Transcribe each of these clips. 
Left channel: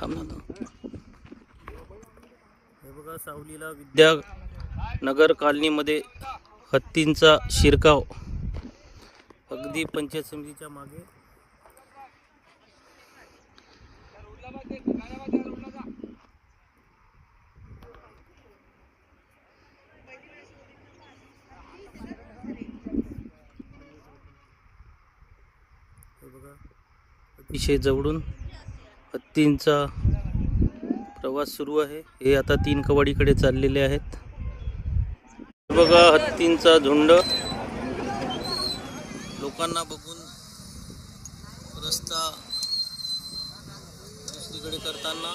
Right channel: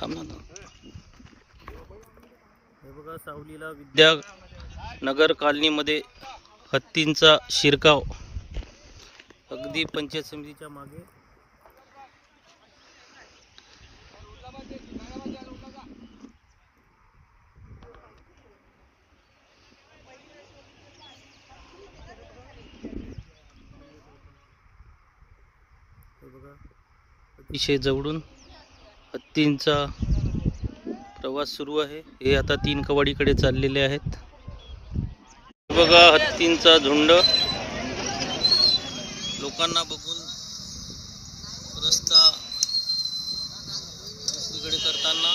थांब ना. हे बघा सावलीला विद्यानगर कॉलनीमध्ये हत्तींचा शिरकाव, अगदी पंचायत समितीच्या मागे. हे बघा अतिशय जवळून हत्तींचा प्रवास सुरू आहे. हे आता 3 कवाडीकडे चाललेले आहेत. हे बघा हत्तींचा झुंड लोकांना बघून रस्ता दुसरीकडे करताना.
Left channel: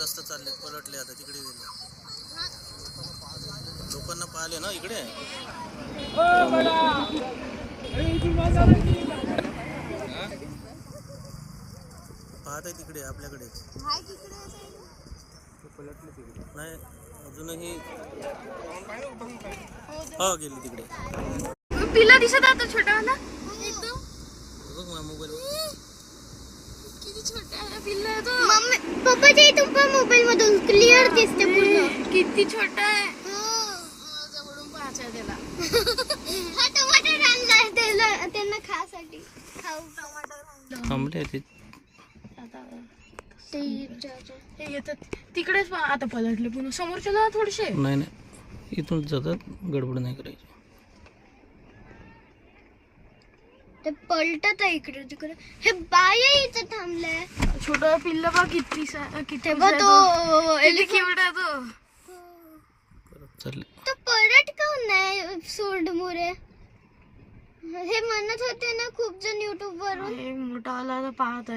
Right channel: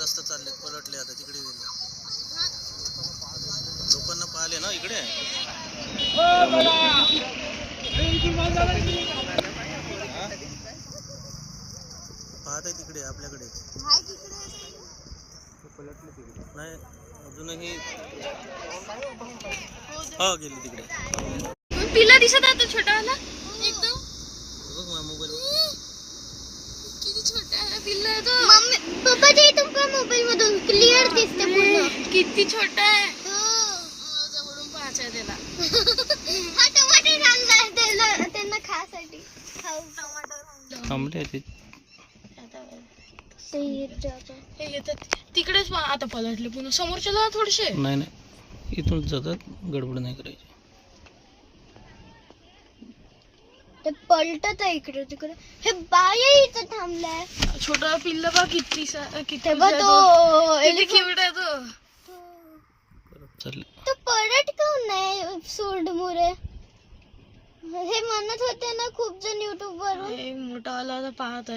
रस्ता चालले पलटले आता तिकडे गेले. लोकांना पाहिले ना इकडे. पाहत आहे तिकडे आपल्याकडे नाही अजूनही. हा गेली तिकडे. पिल्ला दिसत आता छोटावाला एकदम. बघ माझ्या मोबाईल किती छोटा आहे पिल्ला तो. मम्मी पप्पाच्या इथून पण मोबाईल मधून क्लिअर दिसते पूर्ण. किती छोटा आहे. जवळून पाहायचं आहे त्याला. हा टमाटर आणलाय त्याला त्यांना खासाठी. थांबले ते. हे येतात तिकडेच आता पलटले पुन्हा समोरच्याला थोडेसे. नाही नाही इथून जातात. गडबड नाही करायची. ते पलटत आहे इकडे तिकडे. हे बाय इथे थांबलाय. छोटा पिल्ला बा किती किती बघ तो एलिफंट आहे तो. चालले तो पलट काऊन नाही सूड मुरे. हे म्हणत होते ना खूप जण YouTube वरून. मोठावाला पाहत आहे.